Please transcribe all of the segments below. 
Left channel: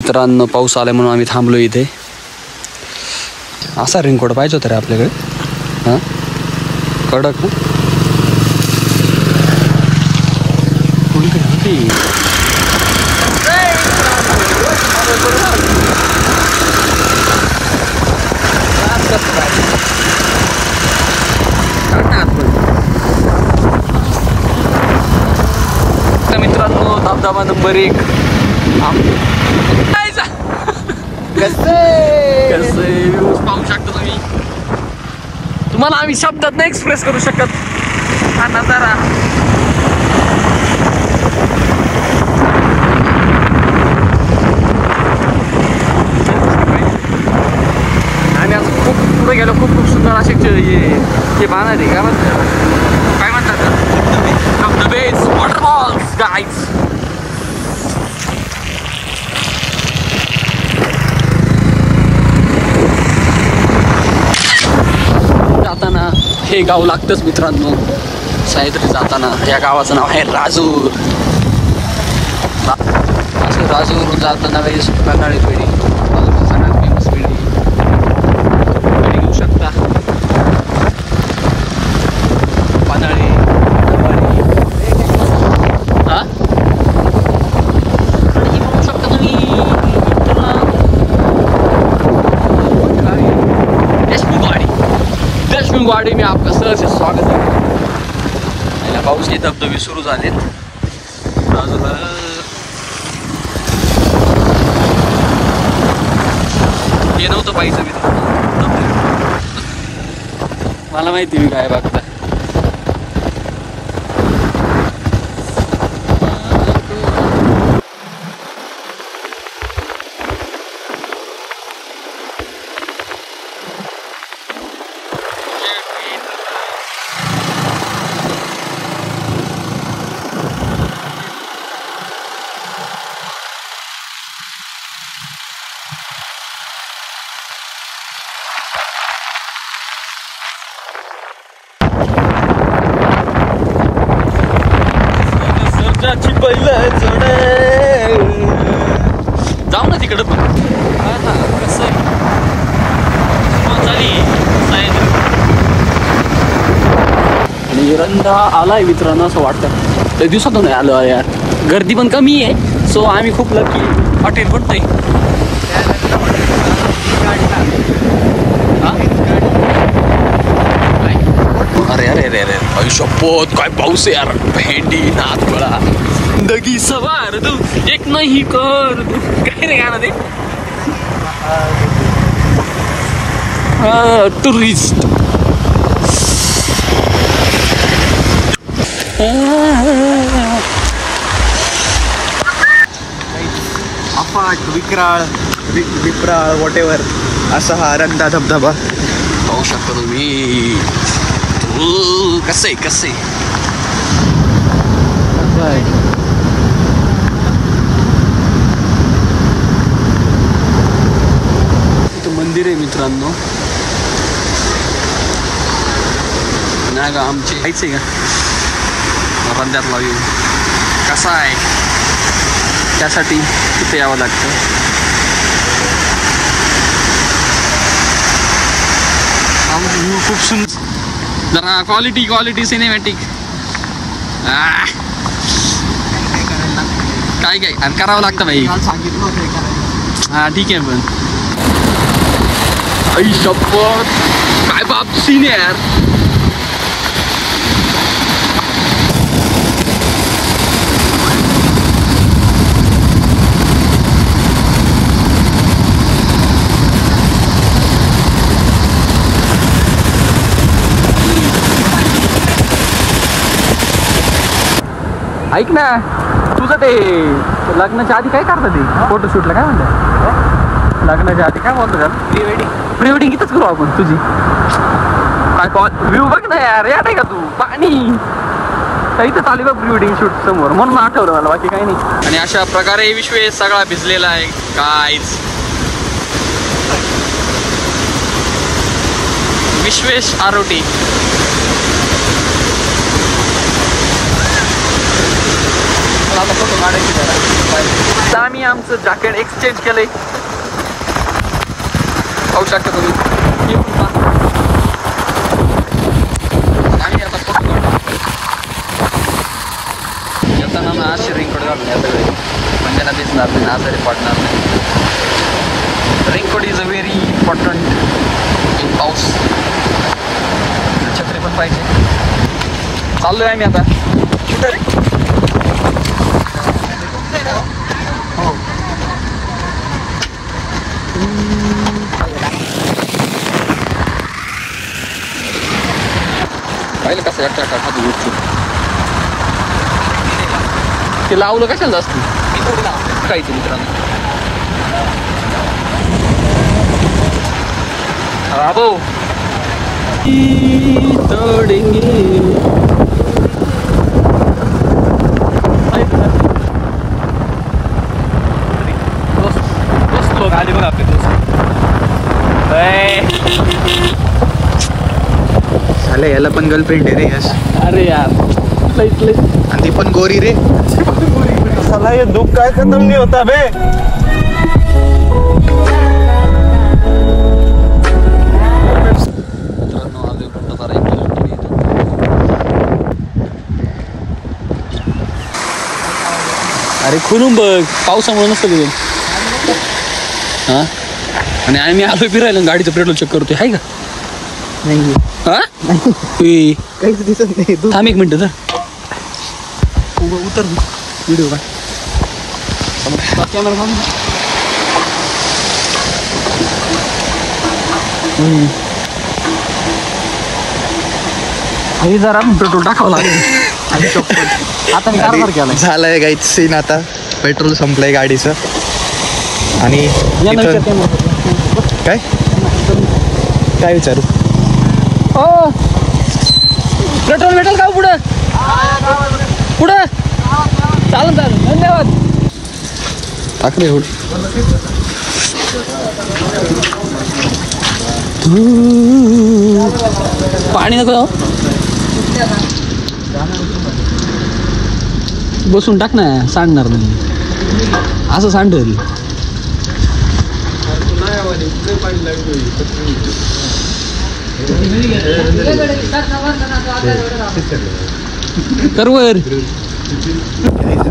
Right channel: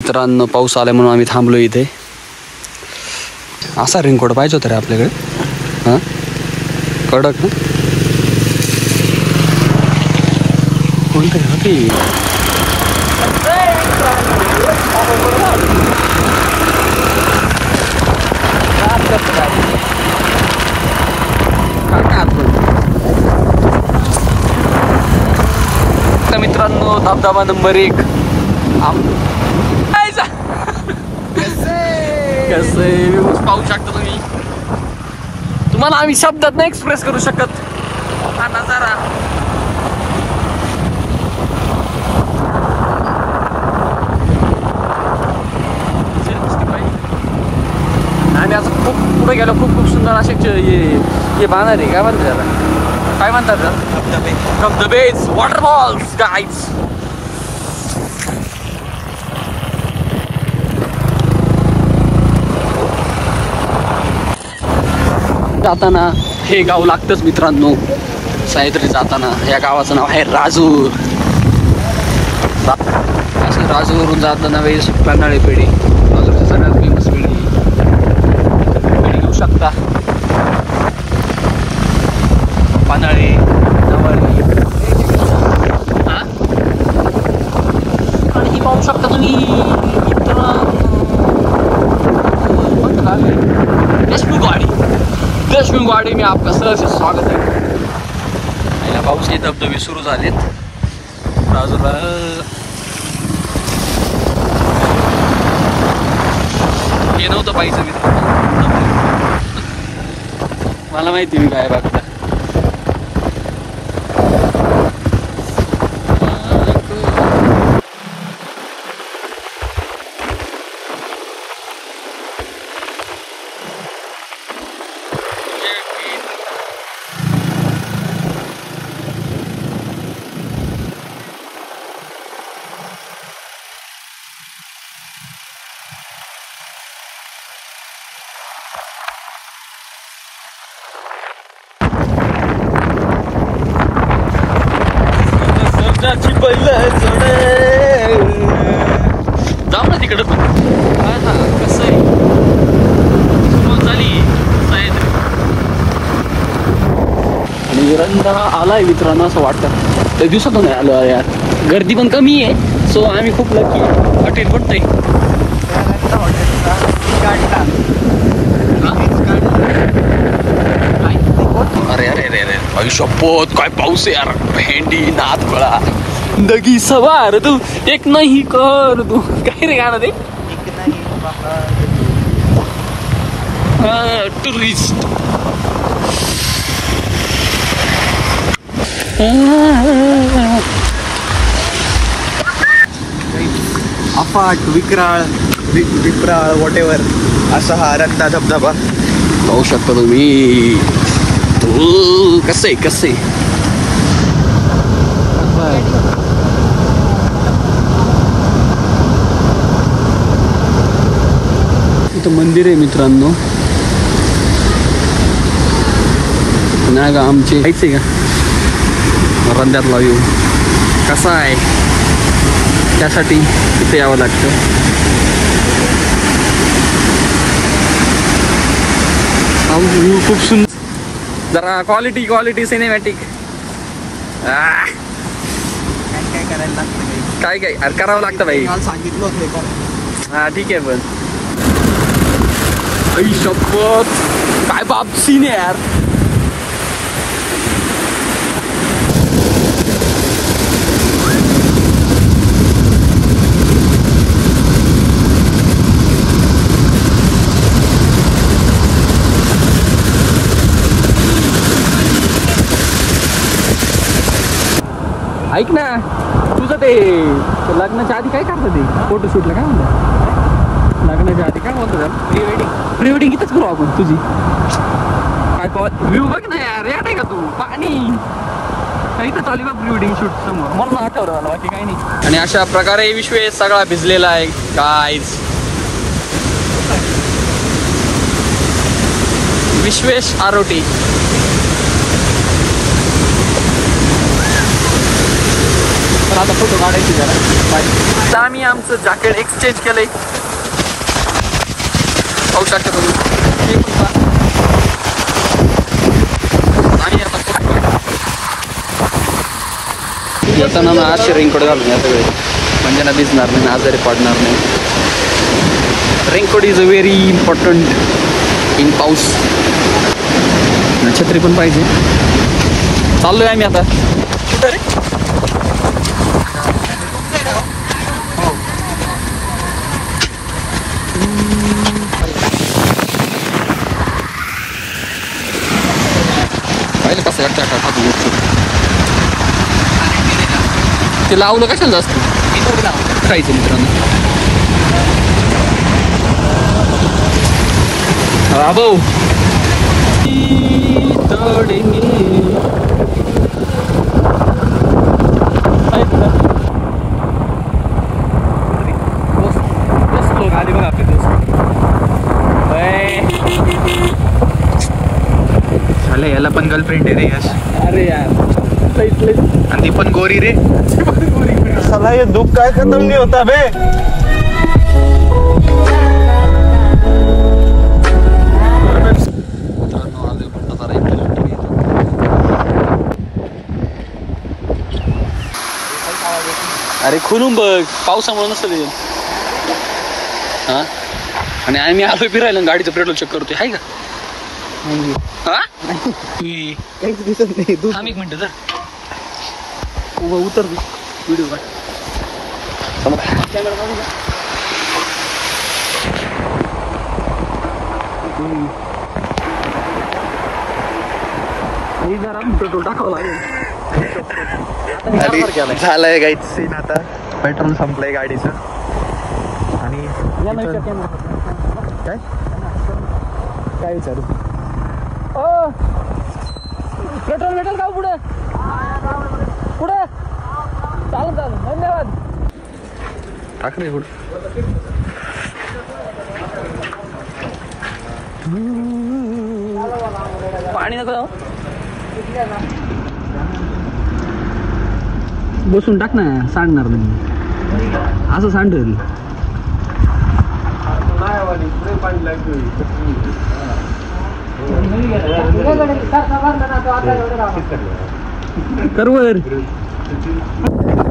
मित्रांनो पाऊस आला म्हणून आम्ही थांबलो इथे. असा रेनकोट पाहिजे होता रे आपल्याकडे. हां कडक ना कोणते होते. मित्रांनो धबधबा नंबर 1 कसे व्ह्यूज पाहू शकता तुम्ही. तुम्हाला आम्ही शब्दात नाही एक्सप्रेस करू शकत हा नजारा. आणि आता खूप पुढे गेलो खूप सुंदर असे हे बांधणार आहे. काय म्हणतात धबधबेच वॉटरफॉल्स गाईज. जाताना हे गाव लागतंच मित्रांनो. सह्याद्री जाताना या गावाचं नाव आहे राजूर. राजूरवरून जाताना वेळेस पन्हाळी पेढी सगळ्यात फेमस पेढी घेऊ शकता. पन्हाळी नवाळी हा आणि पाहू शकता तुम्ही. देशमुखवाडी में आपका सहर्ष स्वागत है. पाऊस हे धबधबे सुरू झालेत बाजूला. ते नव्हतं पाहिजे मी मला माहिती मी काय बघता. जाऊ ना तिकडं पण आणि रंधा आलाय मित्रांनो असं वाटतं. त्या दिवसातून नाही आलो यार. गर्दी पण कमी आहे सो आम्ही खूप लकी. हॉटेल पण नाही. अरे अरे अरे अरे आई शपथ काय पाऊस आहे यार. भेंडी नाथ गळा दगी सवार तू एक नाही कर तू काय रे गाणं ते. टुरिस्ट अफाट विक्राळ वॉटेवर असा हा रंधा धबधबा पाहू शकता तुम्ही. कसे इथं मंदिर आहे मित्रांनो. नाही का आमची जायचंय का रंध्यातला व्ह्यू कसा आहे त्यासाठी तिथे यावं लागतं. व्ह्यू खूप सुंदर. जरा क्वालिटी सिनेमॅटिक. काय अरे करावं लागतं भाई. हा ठीक आहे पण शपथ काय बाप सीन आहे यार. ऐक ना तुझं ते लग्नाच्या आधी काय करतं ते फोटोशूटला काय म्हणतात. लग्नाच्या आधी काय म्हणतो त्याला प्री वेडिंग इथंच करू आपण तुझी. काय व्ह्यू बघ ना यार. याद आहे का तू पाणी इथं चालू बघ प्री वेडिंग शूट समोर म्हणून आठवलं मला बाकी काही नाही. आणि अशा प्रकारे विश्वेश सगळा भिजलेला आहे गाईज. विश्वेश आरोटी मला आता फोटो काढायचे जरा बाय. आता आम्ही आमचं जॅकेट एक्सचेंज केलंय, पाहू शकता तुम्ही. आणि आता येताना ना असे रेनकोट घालून या सगळे, म्हणजे ना भिजणार नाही, आजारी पडणार नाही. Raincoat is a very important in पाऊस. छत्री पण पाहिजे. चाललोय आम्ही आता. पाहिलं कसं ते लावलं कशाला जास्त खायचं मित्रांनो. भाऊ गाडी बघ आपली झालं. याला पण गर्लफ्रेंड आहे रे यश. अरे यार आणि ती पण गोरी रे. साला ये दुख काय खत्म नहीं होता बे. अरे खुलून बघ, पावसामुळे नसतं ते. हा आणि आम्ही आलो फिरायला, गाडीचं पेट्रोल चेक करतोय. आहे का नाही? हा काहीच दिसत नाही. थांब एक मिनिट उतर व्हिडिओ का कॅमेरा. आणि जरा पेट्रोल टाकावं लागेल. आता झालंय गाईच सीन. आता पेट्रोल संपलंय गाडीचं. आणि काय काय विचारू? पेट्रोल भेटेल का पुढं? पुढं चालेल धन्यवाद. टाकले एवढं पाणी नको बसून टाक ना, सांगणार नाही असं सांडेल. करवर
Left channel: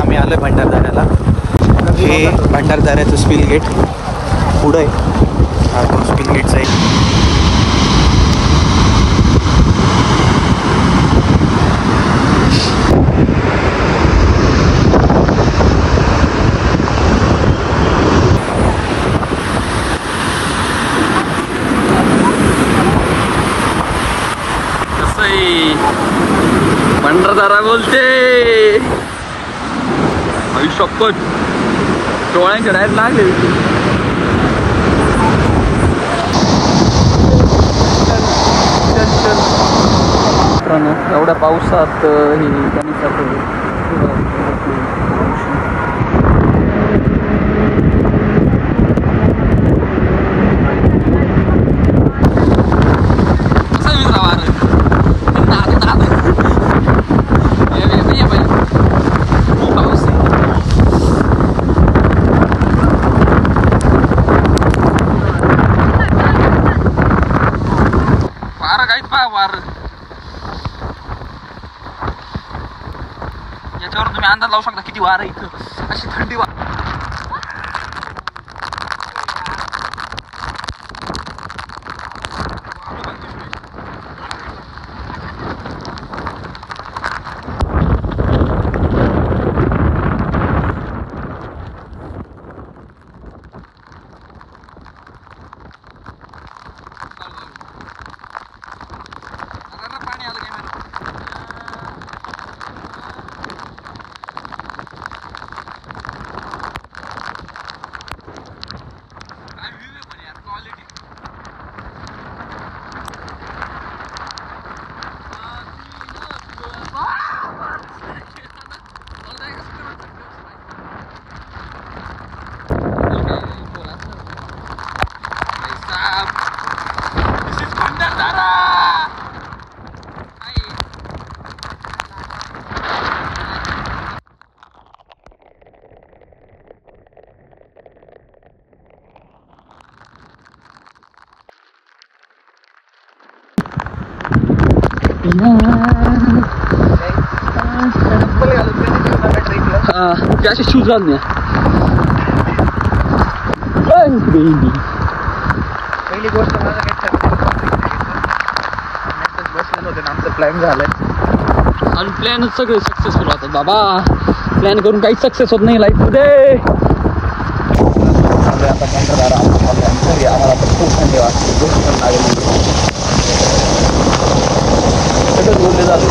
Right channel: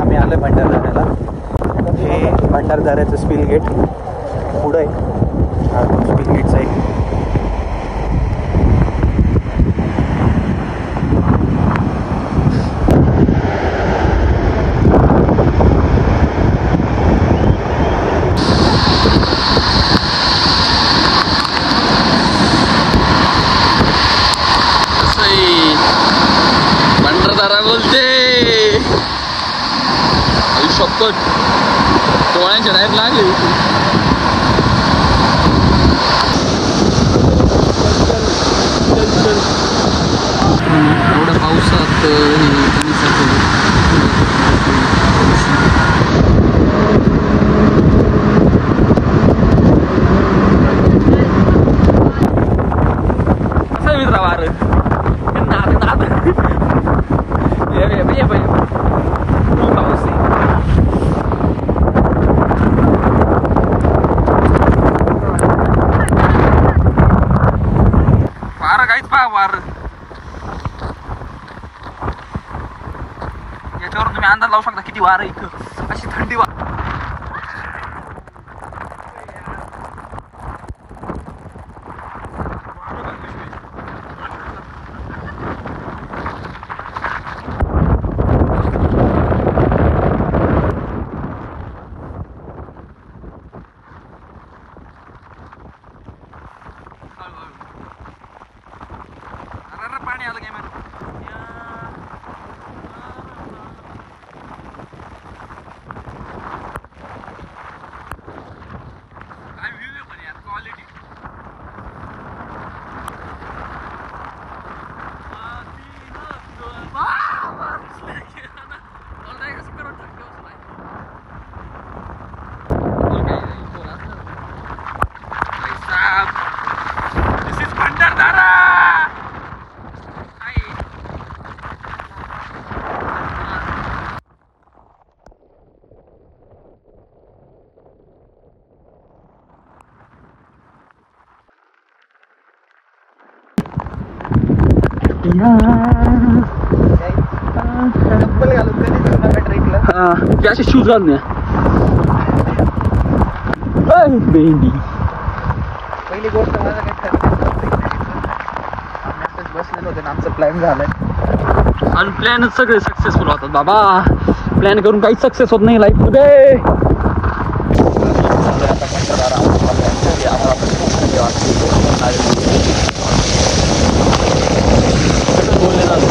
आम्ही आलोय भंडारदऱ्याला. हे भंडारदऱ्याचं स्पिल गेट पुढं आहे. तो स्पिल गेटचा आहे. डोळ्यांच्या डायरेक्ट लागले. एवढ्या पावसात ही गणेशाचं असं मित्रा वार पाऊस वार काहीच पहा वार. याच्यावर तुम्ही अंदाज लावू शकता किती वार आहे इथं. अशी थंडी वार. पाणी आलं काय चप्पल घालून कधी जीवनाला ट्रेकला हा ते असे शूज घालून या. पहिली गोष्ट माझं काय ठरलं बसलेलं होतं आमचं प्लॅन झालाय आणि प्लॅनच सगळे सक्सेसफुल होतात बाबा. प्लॅन करून काहीच सक्सेस होत नाही लाईफ मध्ये. आम्हाला खूप थंडी वाटते खूप पण लागली सगळं बोलले झाले